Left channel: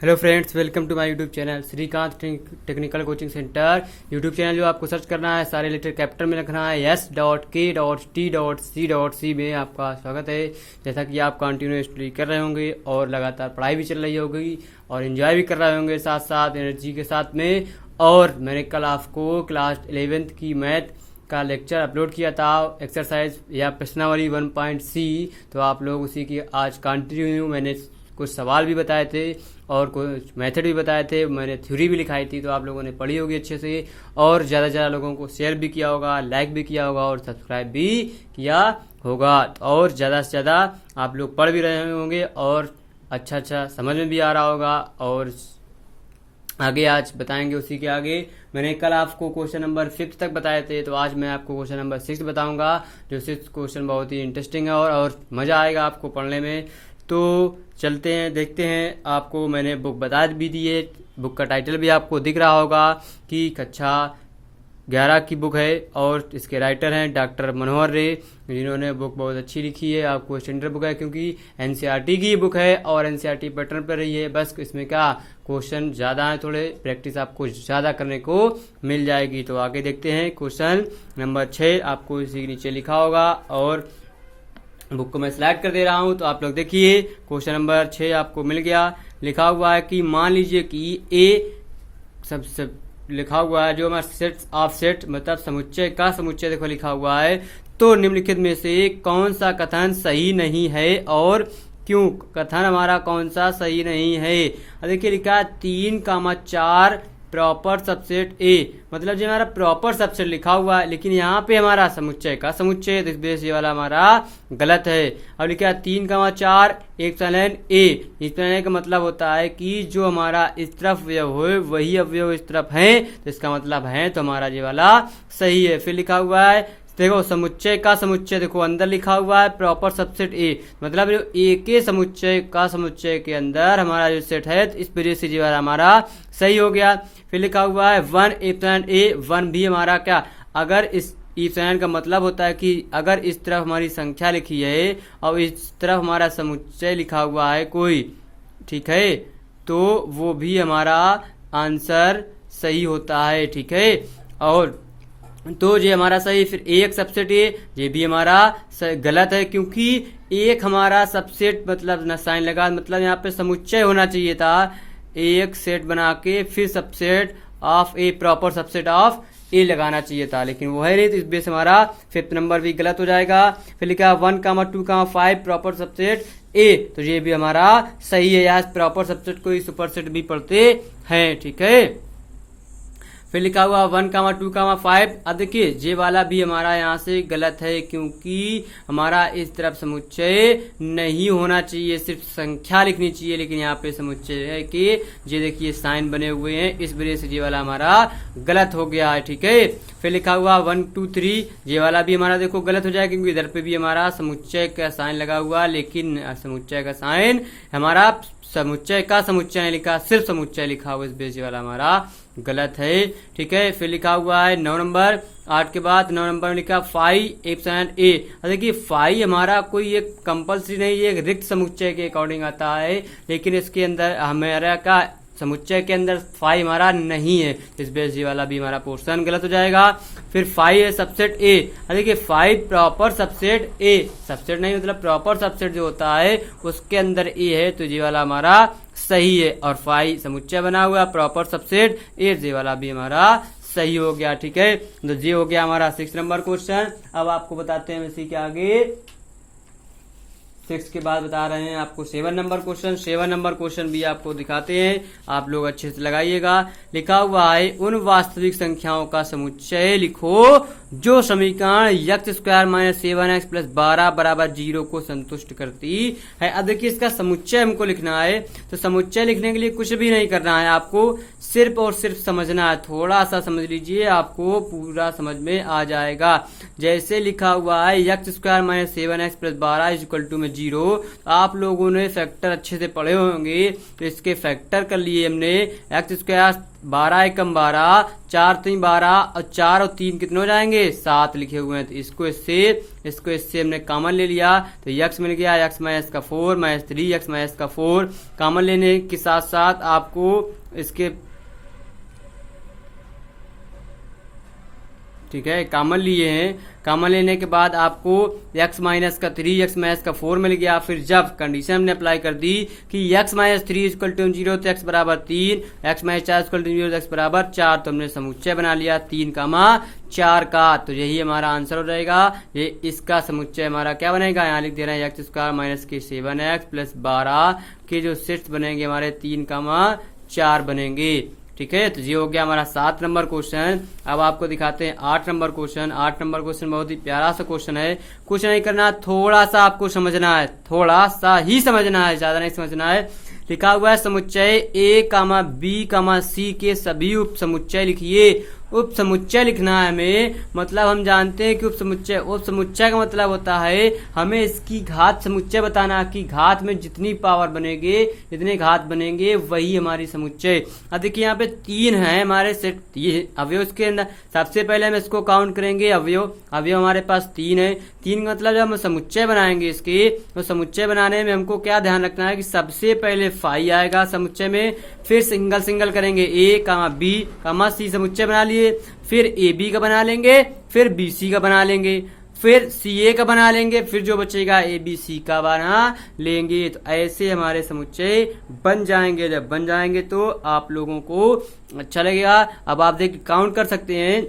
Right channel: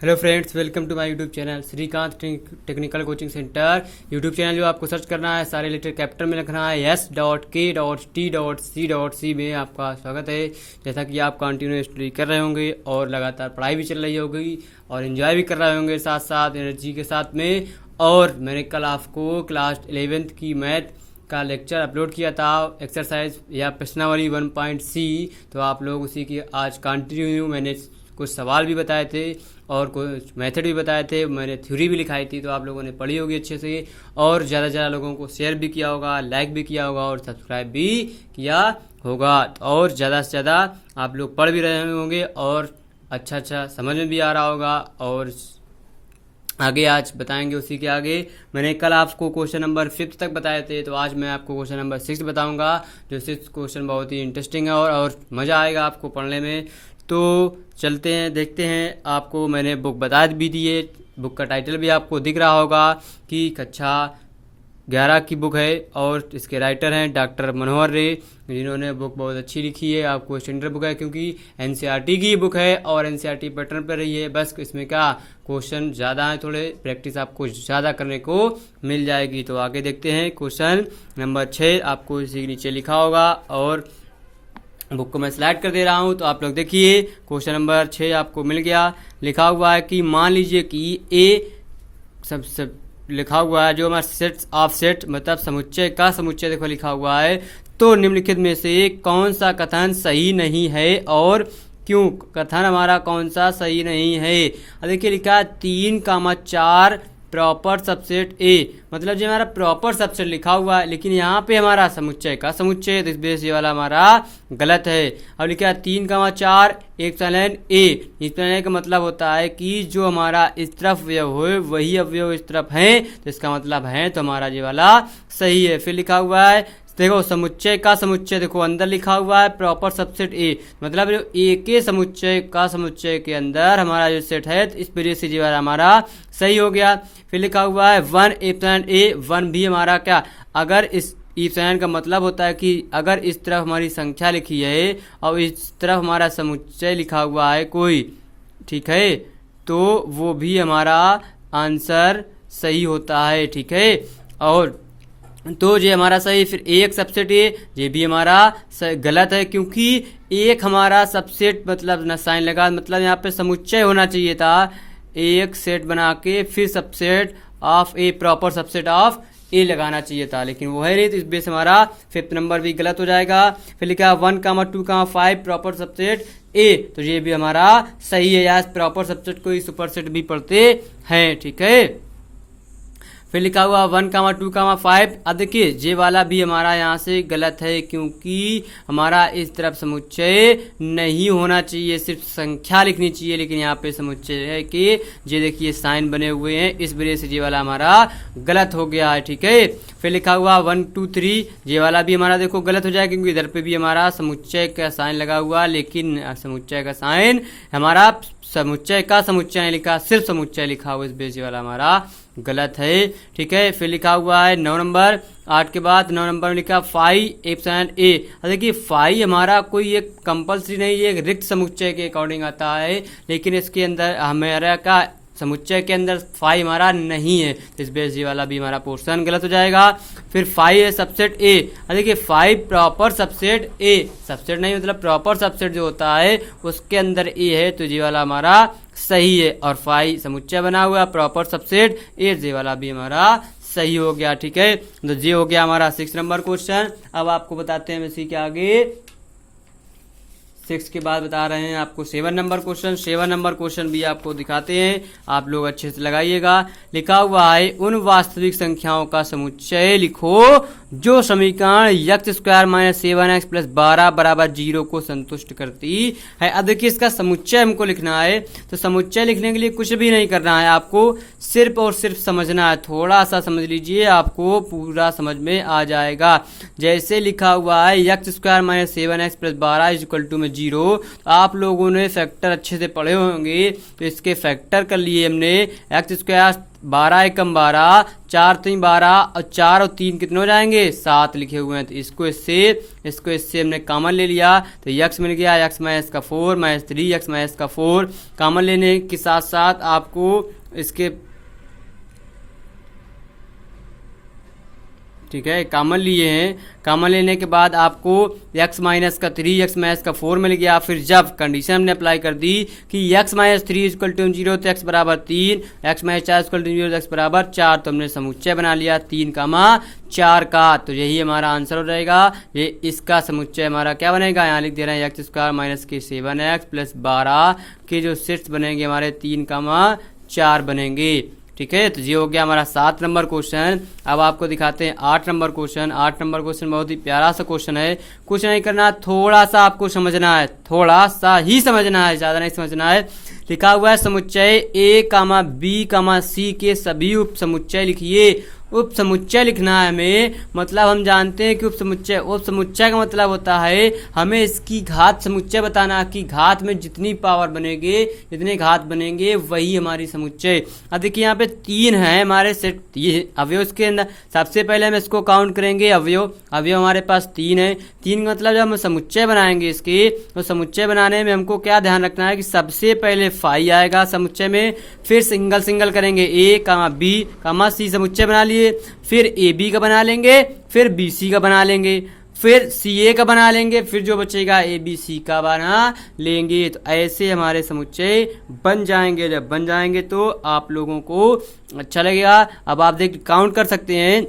Hello friends, welcome to my YouTube channel Shrikant technical coaching centre. YouTube channel जो आपको search करना है, सारे लेटर कैपिटल में लिखना है, S.K.T.C.C में आपका स्वागत है। जैसा कि आप कंटिन्यू स्टडी कर रहे होंगे और लगातार पढ़ाई भी चल रही होगी और एंजॉय भी कर रहे होंगे साथ साथ एनर्जी के साथ में। और मैंने कल आपको क्लास 11th की मैथ का लेक्चर अपलोड किया था, एक्सरसाइज या प्रश्नावली 1.C। तो आप लोग उसी की आज कंटिन्यू मैंने कुछ सवाल भी बताए थे और कुछ मेथड भी बताए थे, मैंने थ्योरी भी लिखाई थी। तो आप लोगों ने पढ़ी होगी अच्छे से और ज़्यादा से ज़्यादा लोगों को शेयर भी किया होगा, लाइक भी किया होगा और सब्सक्राइब भी किया होगा। और ज़्यादा से ज़्यादा आप लोग पढ़ भी रहे होंगे और अच्छा समझ में भी आ रहा होगा। और आगे आज बताएंगे उसी के आगे। मैंने कल आपको क्वेश्चन नंबर 5 तक बताए थे, तो आज मैं आपको क्वेश्चन नंबर 6 बताऊंगा। जो 6 क्वेश्चन बहुत ही इंटरेस्टिंग है और मज़ा आएगा आपको पढ़ने में। तो चलते हैं, देखते हैं। आपको मैंने बुक बता भी दी है, बुक का टाइटल भी आपको दिख रहा होगा कि कक्षा 11 की बुक है और इसके राइटर हैं डॉक्टर मनोहर रे, जिन्होंने बुक बहुत अच्छी लिखी है। आपको स्टैंडर्ड बुक है क्योंकि एनसीईआरटी की बुक है और एनसीईआरटी पैटर्न पर रही है। बस इसमें क्या क्वेश्चन ज़्यादा है, थोड़े प्रैक्टिस आपको ज़्यादा करने को मिल जाएगी। तो आगे देखते हैं। क्वेश्चन नंबर 6 आपको इसी के नीचे लिखा होगा और बुक को मैं स्लाइड कर दे रहा हूं। तो आप लोग देखिए, क्वेश्चन नंबर 6 आपको मिल गया। लिखा हुआ है कि मान लीजिए कि ए सब लिखा हुआ है जो हमारा सेट ऑफ सेट मतलब समुच्चय का समुच्चय देखो लिखा हुआ है। तो निम्नलिखित में से कौन सा कथन सही नहीं है और क्यों? कथन हमारा कौन सा सही नहीं है? देखिए लिखा है 3,4 प्रॉपर सबसेट ए, मतलब जो हमारा प्रॉपर सबसेट लिखा हुआ है, लेकिन यहाँ पे हमारा समुच्चय का समुच्चय, तो इस बेस ये वाला हमारा गलत है। अब लिखा है 3,4 एक सलन ए। इस तरह का मतलब होता है कि जो हमारा इस तरफ अवयव हो वही अवयव इस तरफ है, तो इसका मतलब है तो हमारा ये वाला सही है। फिर लिखा हुआ है देखो समुच्चय का समुच्चय, देखो अंदर लिखा हुआ है प्रॉपर सबसेट ए, मतलब ए के समुच्चय का समुच्चय के अंदर हमारा जो सेट है, तो इस वजह से जो है हमारा सही हो गया। फिर लिखा हुआ है 1 ए 1 भी हमारा क्या, अगर इस ईप्सिलॉन का मतलब होता है कि अगर इस तरफ हमारी संख्या लिखी है और इस तरफ हमारा समुच्चय लिखा हुआ है कोई, ठीक है, तो वो भी हमारा आंसर सही होता है, ठीक है। और तो ये हमारा सही। फिर एक सबसेट ये भी हमारा गलत है क्योंकि एक हमारा सबसेट मतलब ना साइन लगा, मतलब यहाँ पे समुच्चय होना चाहिए था, एक सेट बना के फिर subset of A proper subset of A लगाना चाहिए था, लेकिन वो है नहीं, तो इस बेस हमारा 5th नंबर भी गलत हो जाएगा। फिर लिखा 1,2,5 प्रॉपर सबसेट ए, तो ये भी हमारा सही है। यहाँ प्रॉपर सबसेट को सुपर सेट भी पढ़ते हैं, ठीक है। फिर लिखा हुआ 1,2,5। अब देखिए ये वाला भी हमारा यहाँ से गलत है क्योंकि हमारा इस तरफ समुच्चय नहीं होना चाहिए, सिर्फ संख्या लिखनी चाहिए, लेकिन यहाँ पे समुच्चय है कि ये देखिए साइन बने हुए हैं, इस वजह से ये वाला हमारा गलत हो गया है, ठीक है। फिर लिखा हुआ 1, 2, 3, ये वाला भी हमारा देखो गलत हो जाएगा क्योंकि इधर पे भी हमारा समुच्चय का साइन लगा हुआ, लेकिन समुच्चय का साइन हमारा समुच्चय का समुच्चय नहीं लिखा, सिर्फ समुच्चय लिखा हुआ, इस बेस वाला हमारा गलत है, ठीक है। फिर लिखा हुआ है 9 नंबर, 8 के बाद 9 नंबर में लिखा 5 एप्सिलॉन ए। देखिए 5 हमारा कोई एक कंपल्सरी नहीं, ये एक रिक्त समुच्चय के अकॉर्डिंग आता है, लेकिन इसके अंदर हमारा का समुच्चय के अंदर 5 हमारा नहीं है, इस बेस वाला भी हमारा पोर्शन गलत हो जाएगा। फिर 5 है सबसेट ए। देखिए 5 प्रॉपर सबसेट ए, सबसेट नहीं मतलब प्रॉपर सबसेट जो होता है उसके अंदर ए है, तो ये वाला हमारा सही है। और 5 समुच्चय बना हुआ प्रॉपर सबसेट ए, ये वाला भी हमारा सही हो गया, ठीक है। तो ये हो गया हमारा 6 नंबर क्वेश्चन। अब आपको बताते हैं इसी के आगे 6 के बाद बता रहे हैं आपको 7 नंबर क्वेश्चन। 7 नंबर क्वेश्चन भी आपको दिखाते हैं, आप लोग अच्छे से लगाइएगा। लिखा हुआ है उन वास्तविक संख्याओं का समुच्चय लिखो जो समीकरण x² - 7x + 12 = 0 को संतुष्ट करती है। अब देखिए इसका समुच्चय हमको लिखना है, तो समुच्चय लिखने के लिए कुछ भी नहीं करना है, आपको सिर्फ और सिर्फ समझना है। थोड़ा सा समझ लीजिए, आपको पूरा समझ में आ जाएगा। जैसे लिखा हुआ है x² - 7x + 12 = 0, आप लोगों ने फैक्टर अच्छे से पढ़े होंगे, तो इसके फैक्टर कर लिए हमने x² 12 एकम 12, 4 3 12 और 4 और 3 कितने हो जाएंगे 7 लिखे हुए हैं। तो इसको इससे हमने कॉमन ले लिया तो यक्स मिल गया, यक्स माइनस का 4 माइनस 3 यक्स माइनस का 4। कॉमन लेने के साथ साथ आपको इसके ठीक है कॉमन लिए हैं। कॉमन लेने के बाद आपको x माइनस का 3 x माइनस का 4 मिल गया। फिर जब कंडीशन हमने अप्लाई कर दी कि x माइनस 3 इक्वल टू 0 तो x बराबर 3, x माइनस 4 इक्वल टू 0 तो x बराबर 4, तो हमने समुच्चय बना लिया 3 कामा 4 का। तो यही हमारा आंसर हो जाएगा। ये इसका समुच्चय हमारा क्या बनेगा, यहाँ लिख दे रहे हैं एक्स स्क्वायर माइनस के 7x प्लस 12 के जो सेट्स बनेंगे हमारे 3 कामा 4 बनेंगे। ठीक है, तो ये हो गया हमारा 7 नंबर क्वेश्चन। अब आपको दिखाते हैं 8 नंबर क्वेश्चन। 8 नंबर क्वेश्चन बहुत ही प्यारा सा क्वेश्चन है। कुछ नहीं करना, थोड़ा सा आपको समझना है, थोड़ा सा ही समझना है, ज्यादा नहीं समझना है। लिखा हुआ है समुच्चय ए कामा बी कामा सी के सभी उप समुच्चय लिखिए। उप समुच्चय लिखना है हमें, मतलब हम जानते हैं कि उप समुच्चय का मतलब होता है हमें इसकी घात समुच्चय बताना कि घात में जितनी पावर बनेंगे जितने घात बनेंगे वही हमारी समुच्चय। अब देखिए यहाँ पे 3 है हमारे सेट अवयव के अंदर। सबसे पहले हम इसको काउंट करेंगे अवयव हमारे पास 3 है। 3 का मतलब जब हम समुच्चय बनाएंगे इसके, तो समुच्चय बनाने में हमको क्या ध्यान रखना है कि सबसे पहले फाई आएगा समुच्चय में, फिर सिंगल करेंगे ए कामा बी कामा सी समुच्चय बना लिए, फिर ए बी का बना लेंगे, फिर बी सी का बना लेंगे, फिर सी ए का बना लेंगे, फिर जो बचेगा ए बी सी का बना लेंगे। तो ऐसे हमारे समुच्चय बन जाएंगे। जब बन जाएंगे तो आप लोगों को अच्छा लगेगा। अब आप देख काउंट कर सकते हैं।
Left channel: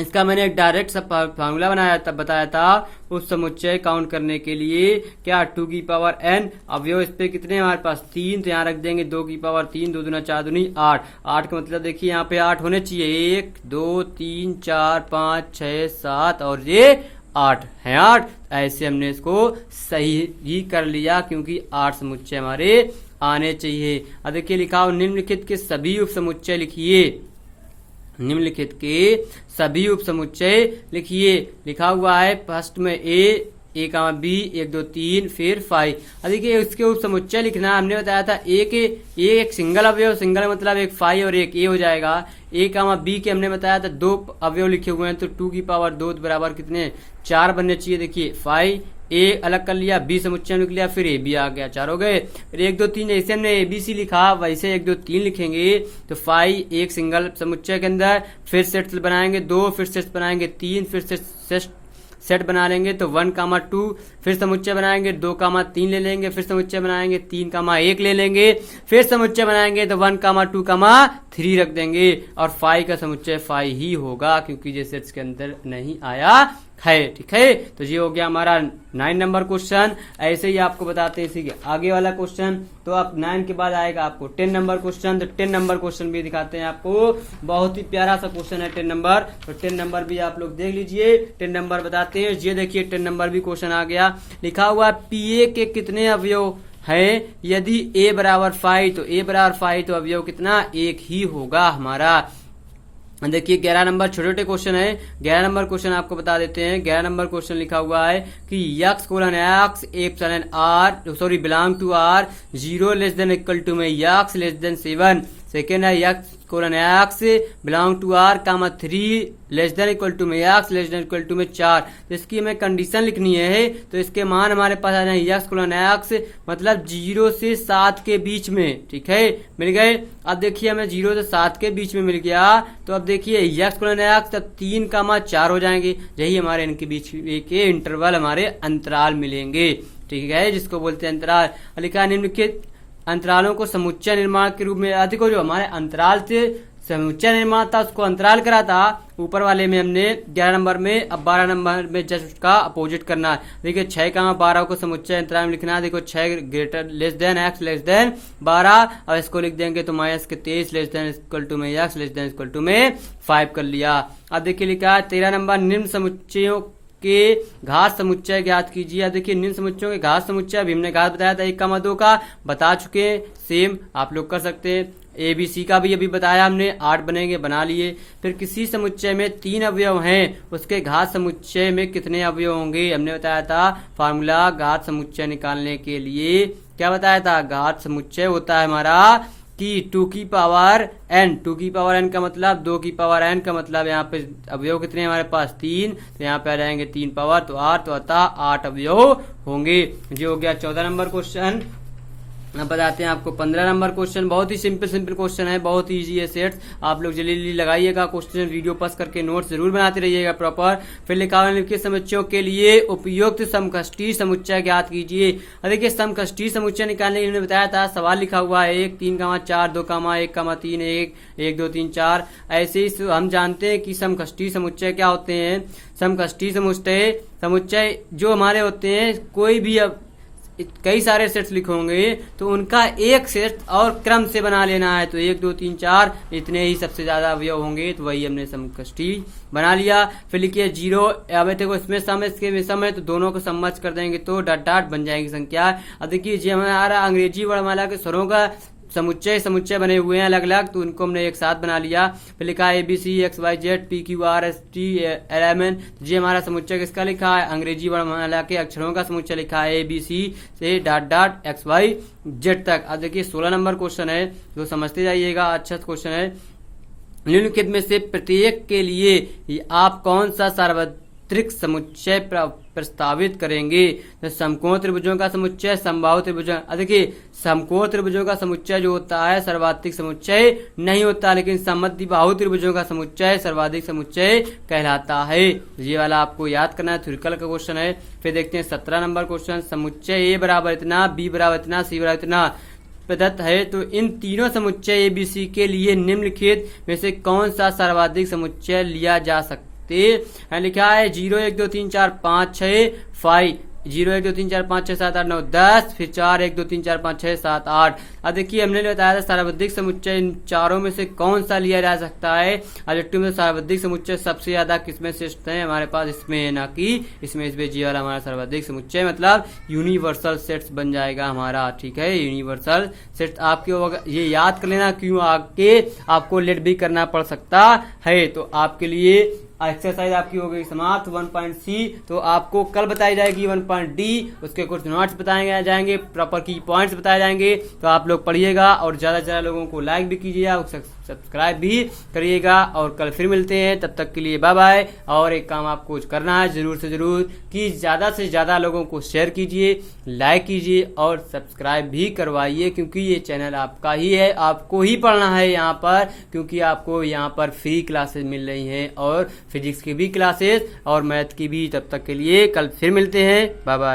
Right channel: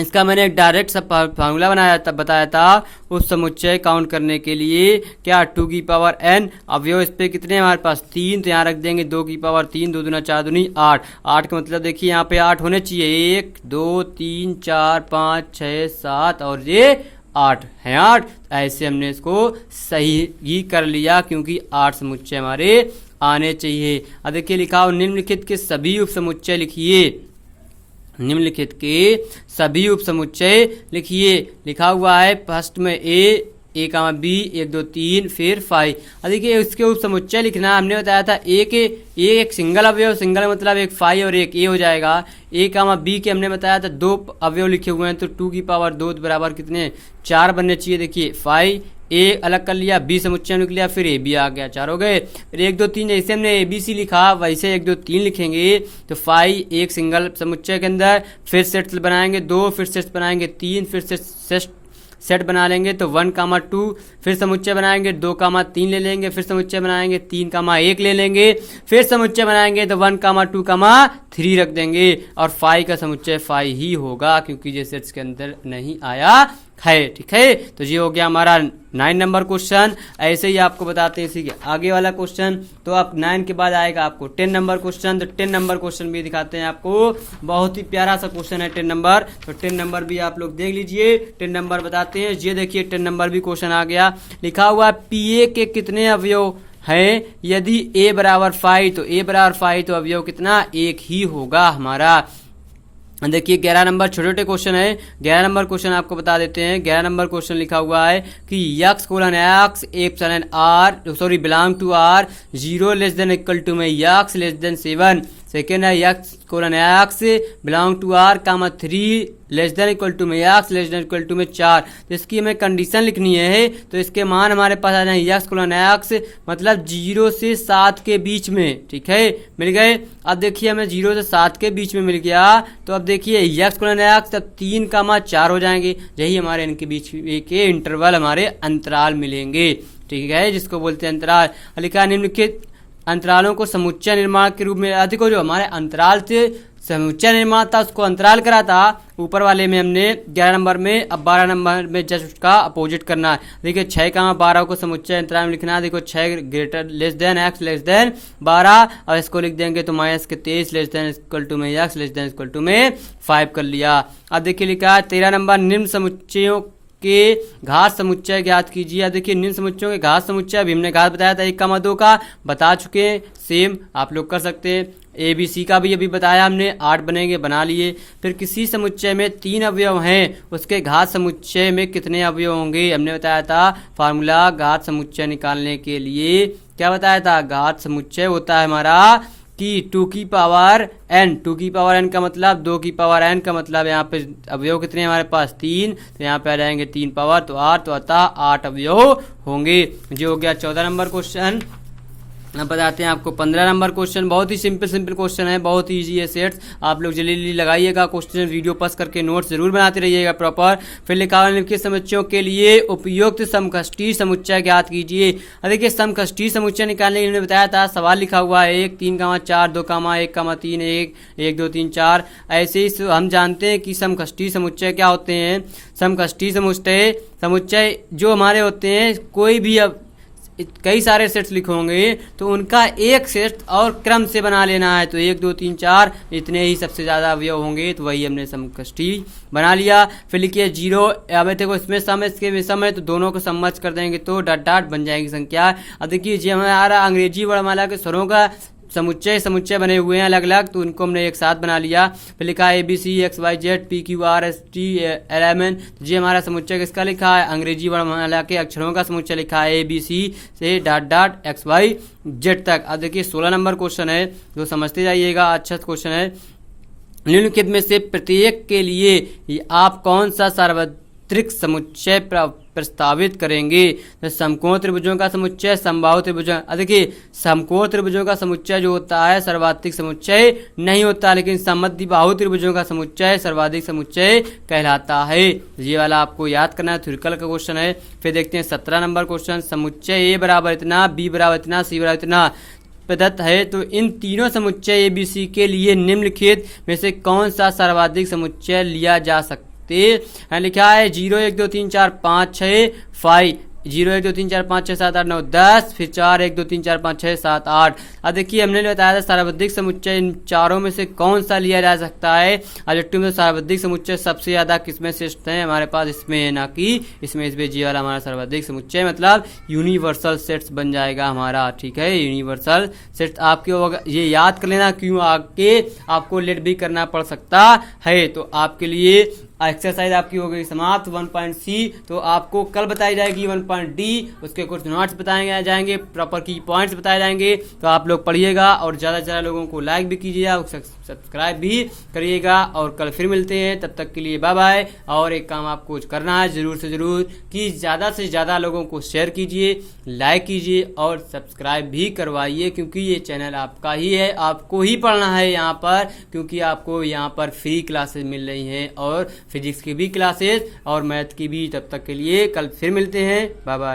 इसका मैंने एक डायरेक्ट सा फार्मूला बताया था उस समुच्चय काउंट करने के लिए। क्या 2 की पावर n अवयव इस पे कितने हमारे पास 3, तो यहाँ रख देंगे 2 की पावर 3, 2 दूना 4 दूनी 8। 8 का मतलब देखिए यहाँ पे 8 होने चाहिए, 1 2 3 4 5 6 7 और ये 8 है 8। ऐसे हमने इसको सही ही कर लिया क्योंकि 8 समुच्चय हमारे आने चाहिए। अब देखिए लिखा हो निम्नलिखित के सभी उप समुच्चय लिखिए। निम्नलिखित के सभी उप समुच्चय लिखिए। लिखा हुआ है फर्स्ट में ए कामा बी 1 2 3 फिर 5। देखिए इसके उप समुच्चय लिखना हमने बताया था एक सिंगल अवयव, सिंगल मतलब एक 5 और एक ए हो जाएगा। ए कामा बी के हमने बताया था 2 अवयव लिखे हुए हैं, तो 2 की पावर 2 बराबर कितने 4 बनने चाहिए। देखिए 5 ए अलग कर लिया, बी समुच्चय लिख लिया, फिर ए बी आ गया, 4 हो गए। फिर 1 2 3 जैसे हमने ए बी सी लिखा वैसे 1 2 3 लिखेंगे। तो 5 एक सिंगल समुच्चय के अंदर, फिर सेट बनाएंगे 2, फिर सेट बनाएंगे 3, फिर सेट बना लेंगे तो 1 कामा 2, फिर समुच्चय बनाएंगे 2 कामा 3 ले लेंगे, फिर समुच्चय बनाएंगे 3 कामा 1 ले लेंगे, फिर समुच्चय बनाएंगे तो 1 कामा 2 कामा 3 रख देंगे। और 5 का समुच्चय 5 ही होगा क्योंकि ये सेट्स के अंदर नहीं आया है। ठीक है, तो ये हो गया हमारा 9 नंबर क्वेश्चन। ऐसे ही आपको बताते हैं इसी आगे वाला क्वेश्चन। तो आप 9 के बाद आएगा आपको 10 नंबर क्वेश्चन। तो 10 नंबर क्वेश्चन भी दिखाते हैं आपको, बहुत ही प्यारा सा क्वेश्चन है 10 नंबर। तो 10 नंबर भी आप लोग देख लीजिए। 10 नंबर बताते हैं, ये देखिए 10 नंबर भी क्वेश्चन आ गया। लिखा हुआ पी ए के कितने अवयव है, यदि ए बराबर 5 तो ए बराबर 5 तो अवयव कितना 1 ही होगा हमारा। देखिए 11 नंबर छोटे छोटे क्वेश्चन है। 11 नंबर क्वेश्चन आपको बता देते हैं। 11 नंबर क्वेश्चन लिखा हुआ है कि x colon x epsilon r belong to r 0 less than equal to में x लेस देन 7। सेकेंड है x colon x belong to r comma 3 less than equal to में x less than equal to में 4। तो इसकी हमें condition लिखनी है। तो इसके मान हमारे पास आ जाए x कोलन x मतलब 0 से 7 के बीच में। ठीक है, मिल गए। अब देखिए हमें 0 से 7 के बीच में मिल गया। तो अब देखिए x कोलन x तब 3 कामा 4 हो जाएंगे। यही हमारे इनके बीच के इंटरवल हमारे अंतराल मिलेंगे। ठीक है, जिसको बोलते हैं अंतराल। लिखा निम्नलिखित अंतरालों को समुच्चय निर्माण के रूप में अधिक हो, जो हमारे अंतराल से समुच्चय निर्माण था उसको अंतराल करा था ऊपर वाले में हमने 11 नंबर में। अब 12 नंबर में जस्ट उसका अपोजिट करना है। देखिए 6 कामा 12 को समुच्चय अंतराल में लिखना है। देखो 6 greater less than x less than 12 और इसको लिख देंगे तो माइनस के 23 लेस देन इक्वल टू में x less than equal to में 5 कर लिया। अब देखिए लिखा है 13 नंबर निम्न समुच्चयों के घात समुच्चय ज्ञात कीजिए। देखिए निम्न समुच्चयों के घात समुच्चय अभी हमने घात बताया था 1 कामा 2 का बता चुके हैं, सेम आप लोग कर सकते हैं। ए बी सी का भी अभी बताया हमने, 8 बनेंगे बना लिए। फिर किसी समुच्चय में 3 अवयव हैं, उसके घात समुच्चय में कितने अवयव होंगे हमने बताया था। फार्मूला घात समुच्चय निकालने के लिए क्या बताया था, घात समुच्चय होता है हमारा की 2 की पावर n, 2 की पावर n का मतलब 2 की पावर n का मतलब यहाँ पे अवयव कितने हैं हमारे पास 3, तो यहाँ पे आ जाएंगे 3 पावर तो 8, तो अतः 8 अवयव होंगे। जो हो गया 14 नंबर क्वेश्चन। अब बताते हैं आपको 15 नंबर क्वेश्चन। बहुत ही सिंपल क्वेश्चन है, बहुत ही इजी है सेट्स। आप लोग जल्दी जल्दी लगाइएगा क्वेश्चन, वीडियो पास करके नोट्स जरूर बनाते रहिएगा प्रॉपर। फिर लिखा हुआ निम्नलिखित समुच्चयों के लिए उपयुक्त समकक्षीय समुच्चय ज्ञात कीजिए। अब देखिए समकक्षीय समुच्चय निकालने के लिए बताया था, सवाल लिखा हुआ है 1 3 4 2 1 3 1 1 2 3 4। ऐसे ही हम जानते हैं कि समकक्षीय समुच्चय क्या होते हैं। समकक्षीय समुच्चय जो हमारे होते हैं, कोई भी अब कई सारे सेट्स लिखे होंगे तो उनका एक सेट और क्रम से बना लेना है। तो 1 2 3 4 इतने ही सबसे ज्यादा अवयव होंगे, तो वही हमने समकक्षीय बना लिया। फिर लिखिए 0, अब देखो इसमें सम है, इसके में सम है, तो दोनों को सम्मच कर देंगे तो डॉट डॉट बन जाएगी संख्या। अब देखिए जी हमारा अंग्रेजी वर्णमाला के स्वरों का समुच्चय बने हुए हैं अलग अलग, तो उनको हमने एक साथ बना लिया। फिर लिखा है ABC XYZ PQRST LMN। जी हमारा समुच्चय किसका लिखा है, अंग्रेजी वर्णमाला के अक्षरों का समुच्चय लिखा है ABC से डॉट डॉट XYZ तक। अब देखिए 16 नंबर क्वेश्चन है, जो समझते जाइएगा, अच्छा क्वेश्चन है। निम्नलिखित में से प्रत्येक के लिए आप कौन सा सार्वत्रिक समुच्चय प्रस्तावित करेंगे। तो समकोण त्रिभुजों का समुच्चय, समबाहु त्रिभुजों। देखिए समकोण त्रिभुजों का समुच्चय जो होता है सर्वाधिक समुच्चय नहीं होता, लेकिन समद्विबाहु त्रिभुजों का समुच्चय सर्वाधिक समुच्चय कहलाता है। ये वाला आपको याद करना है, थ्योरिटिकल का क्वेश्चन है। फिर देखते हैं 17 नंबर क्वेश्चन। समुच्चय ए बराबर इतना, बी बराबर इतना, सी बराबर इतना प्रदत्त है, तो इन तीनों समुच्चय ABC के लिए निम्नलिखित में से कौन सा सर्वाधिक समुच्चय लिया जा सकता है। लिखा है 0 1 2 3 4 5 6 5 0 1 2 3 4 5 6 7 8 9 10, फिर 4 1 2 3 4 5 6 7 8। अब देखिए हमने बताया था सर्वाधिक समुच्चय इन चारों में से कौन सा लिया जा सकता है। ऑब्जेक्टिव में सर्वाधिक समुच्चय सबसे ज्यादा किसमें श्रेष्ठ है हमारे पास, इसमें है, ना कि इसमें। इसमें जी वाला हमारा सर्वाधिक समुच्चय मतलब यूनिवर्सल सेट्स बन जाएगा हमारा, ठीक है। यूनिवर्सल सेट्स आपके ये याद कर लेना, क्यों आगे आपको लेट भी करना पड़ सकता है। तो आपके लिए एक्सरसाइज आपकी हो गई समाप्त 1.C। तो आपको कल बताई जाएगी 1.D, उसके कुछ नोट्स बताए जाएंगे, प्रॉपर की पॉइंट्स बताए जाएंगे। तो आप लोग पढ़िएगा और ज्यादा से ज्यादा लोगों को लाइक भी कीजिएगा, सब्सक्राइब भी करिएगा। और कल फिर मिलते हैं, तब तक के लिए बाय बाय। और एक काम आपको करना है जरूर से जरूर कि ज्यादा से ज्यादा लोगों को शेयर कीजिए, लाइक कीजिए और सब्सक्राइब भी करवाइए, क्योंकि ये चैनल आपका ही है, आपको ही पढ़ना है यहाँ पर, क्योंकि आपको यहाँ पर फ्री क्लासेस मिल रही हैं, और फिजिक्स की भी क्लासेस और मैथ की भी। तब तक के लिए कल फिर मिलते हैं, बाय बाय।